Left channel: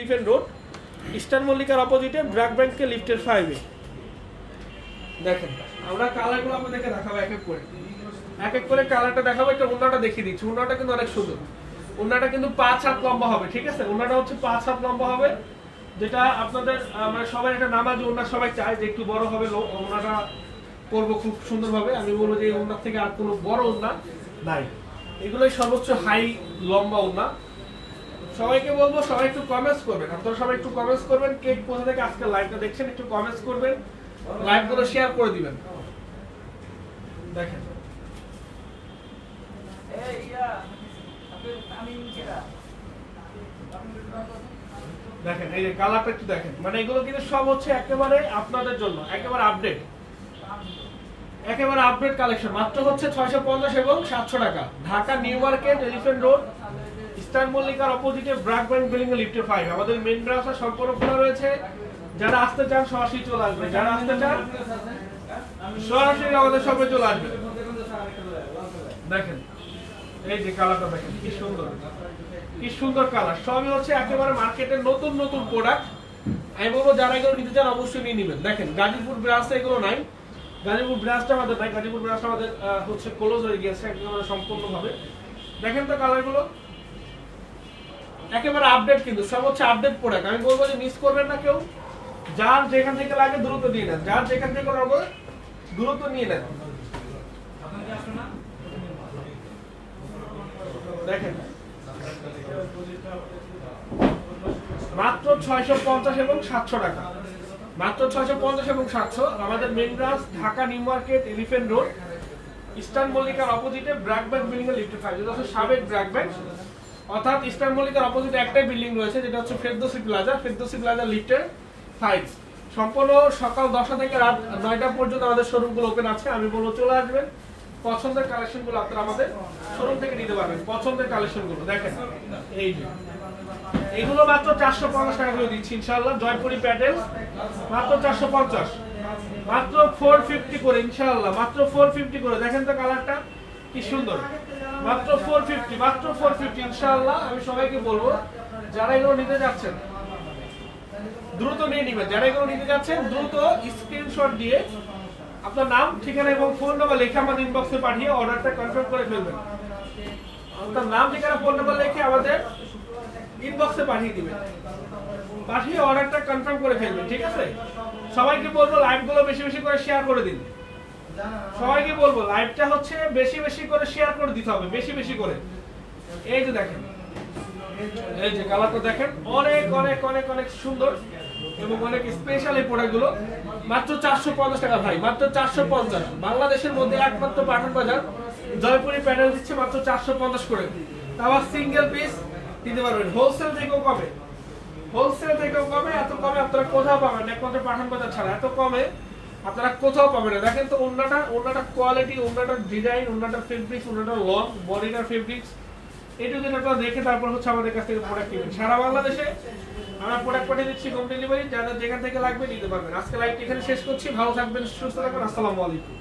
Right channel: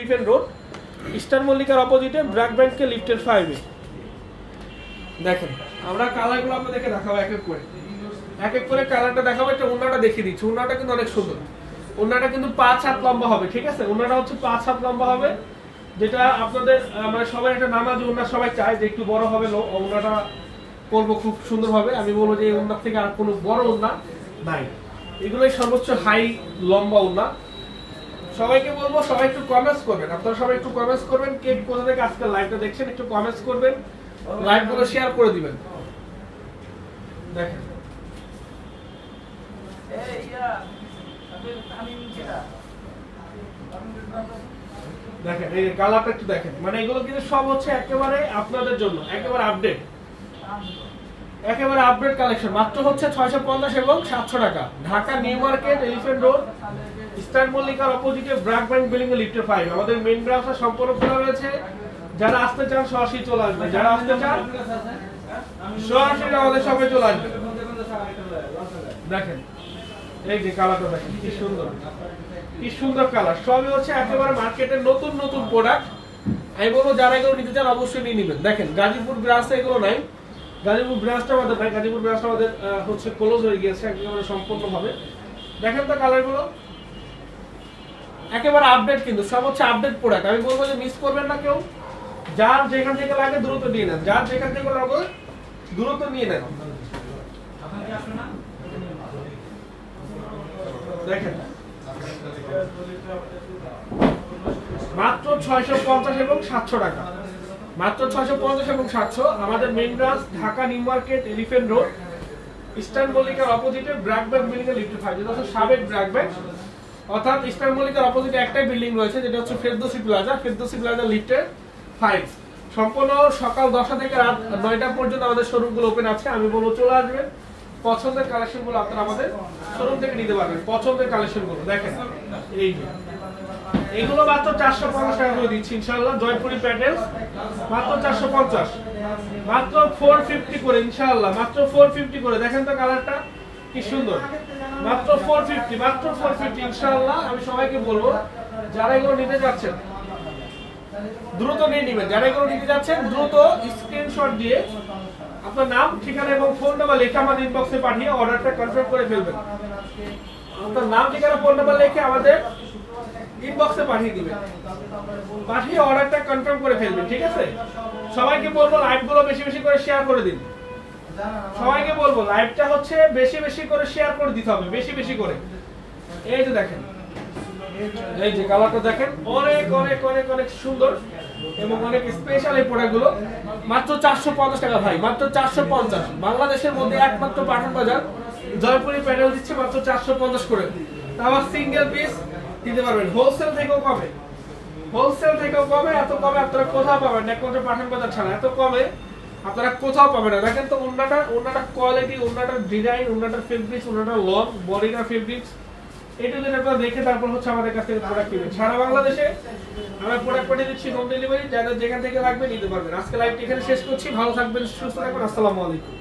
Elephant Road Eastern মল্লিকার অপোজিটে ব্র্যাক ব্যাংকে লিফটের 5 এ দেখেন আমরা কালারগুলো আপনাদেরকে দেখাবো এক এক করে কালারটা দেখাবো। একটা ওন্নাটা দেখিয়ে দিচ্ছি। ওন্নাটা কিন্তু অনেক সুন্দর। ওন্নাটা কিন্তু 5 হাত লম্বা হবে, ঠিক আছে? ওন্নাটা হচ্ছে 5 হাত লম্বা হবে, যেটা আপনাদের মানে সবাই একটা নামাজি ওন্না সবাই চায় যে একটু বড় হবে। ওন্নাটা পরবো খুব সুন্দরভাবে। আমি বলবো যে এই ওন্নার থেকে আর কোনো বড় ওন্না নাই, এগুলোই সর্বোচ্চ হাই লম্বা ওন্না। সবাইকে বলবো সবাই একটু কমেন্টস করবেন, আপনারা সবাই একটু কমেন্টস করবেন। কে কোথা থেকে আজকে লাইভটা দেখছেন একটু কমেন্টস করবেন, লাইভগুলো শেয়ার করে দিবেন। দেখেন দেখেন এই যে কালারটা একটু দেখেন, মানে এগুলো কিন্তু সব হচ্ছে একেবারে আপনাদের জন্য একেবারে আপডেট কালেকশন। মাত্র হচ্ছে 650 এবং 700 টাকা। Dhaka New Market Elephant Road Eastern মল্লিকার অপোজিটে ব্র্যাক ব্যাংক বিল্ডিং এর লিফটে 5। আমাদের মেইন ব্রাঞ্চটা সম্পূর্ণ খোলা রয়েছে। যারা আসতে চান সরাসরি চলে আসবে, যারা আসতে চান সরাসরি আমাদের সবাই চলে আসবে। দেখেন এই যে কালারটা দেখেন কি সুন্দর কালার। সবই হচ্ছে একেবারে মার্কেটের নতুন নতুন প্রোডাক্ট। আমি বলবো যারা এগুলো নিতে চান অবশ্যই নিয়ে নেবেন। দেখেন গাজীপুর ব্রাঞ্চে এগুলো নাই, গাজীপুর ব্রাঞ্চটা আমাদের নাই, গাজীপুর ব্রাঞ্চটা আমাদের হচ্ছে ক্লোজ হয়ে গিয়েছে একেবারে সম্পূর্ণভাবে। দেখেন তো কালারগুলো একেবারে আপডেট, কিন্তু সব হচ্ছে আপডেট প্রোডাক্ট। আমি বলবো যে মিস করবেন না কেউ। যার যেখান থেকে লাগে দ্রুত নিয়ে নেন, যার যেখান থেকে লাগে দ্রুত নিয়ে নেন। দেখেন মাত্র 650 এবং 700 টাকা। মাত্র 650 এবং 700। আমাদের main branch Dhaka New Market Elephant Road Eastern মল্লিকার অপোজিটে ব্র্যাক ব্যাংক বিল্ডিং এর লিফট 5। যেটা হচ্ছে সাবেক ব্র্যাক ব্যাংক, অর্থাৎ ইস্টার্ন মল্লিকার অপোজিটে একটাই বিল্ডিং রয়েছে যেটা হচ্ছে ফেরদৌসি প্লাজা লিফটের 5। সম্পূর্ণ সকাল 10টা থেকে রাত 9টা পর্যন্ত আমাদের শোরুমগুলো ওপেন আছে। আমি বলবো চলে আসবেন, পছন্দের কালেকশনগুলো আপনারা আমাদের শোরুম থেকে নিতে পারবেন। পছন্দের কালেকশনগুলো দেখেন এই যে এগুলো মাত্র 450 টাকা করে দিচ্ছি ইনশাআল্লাহ। জয়পুরি প্যাটেলস মাত্র 450, মাত্র 450 করে ইনশাআল্লাহ, মাত্র 450 করে। দেখেন তো কালারটা কি সুন্দর, মাত্র 450 ইনশাআল্লাহ। আমি সবাইকে বলবো যারা এগুলো নিতে যাচ্ছেন দ্রুত নিয়ে নেবেন। যারা এগুলো নিতে যাচ্ছেন দ্রুত স্ক্রিনশট দিয়ে আপনার নাম, ঠিকানা এবং ফোন নাম্বার লিখে আমাদের ইনবক্সে পাঠিয়ে অর্ডারটা কনফার্ম করে ফেলবেন। আপনার নাম, ঠিকানা, ফোন নাম্বার লিখে আমাদের ইনবক্সে পাঠিয়ে দিবেন, পাঠিয়ে অর্ডারটা কনফার্ম করে ফেলবেন, ঠিক আছে? সবাইকে বলবো লাইভগুলো বেশি বেশি করে শেয়ার করে দিন। সবাইকে বলবো লাইভটা হচ্ছে বেশি বেশি করে শেয়ার করে দিতে হবে, বেশি বেশি করে। এই যে দেখেন এই যে কালারটা দেখেন অনেক অনেক অনেক অনেক সুন্দর এবং অনেক স্পেশাল এই প্রোডাক্টগুলো। মাত্র 450 টাকা ভাই, মাত্র 450। বাংলাদেশের মধ্যে একমাত্র পাঠান বাজার জয়পুরি প্যাটেল দিচ্ছে মাত্র 450 করে। আবার সিঙ্গেল পিস দিতে পারবেন, হোলসেল থেকেও কমে, এত কমে আপনারা কোথাও পাবেন না, একমাত্র পাঠান বাজার ছাড়া এত কমে আপনারা কোথাও পাবেন না। দেখেন তো ওন্নাটা কোয়ালিটি, ওন্নাটার ডিজাইন, ওন্নাটার ফেব্রিক্স, ওন্নাটার লং বডিটার ফেব্রিক্স, এটা যদি আপনারা দেখে তারপর হচ্ছে আমাদের কাছ থেকে প্রোডাক্ট কিনবেন। সারা বাংলাদেশে আমরা প্রোডাক্ট পাঠিয়ে দিচ্ছি হোম ডেলিভারি। যাদের যেখান থেকে লাগবে নিতে পারবেন। আজকে লাইভটি এখানে শেষ করছি। ভালো থাকবেন, সুস্থ থাকবেন। আসসালামু আলাইকুম।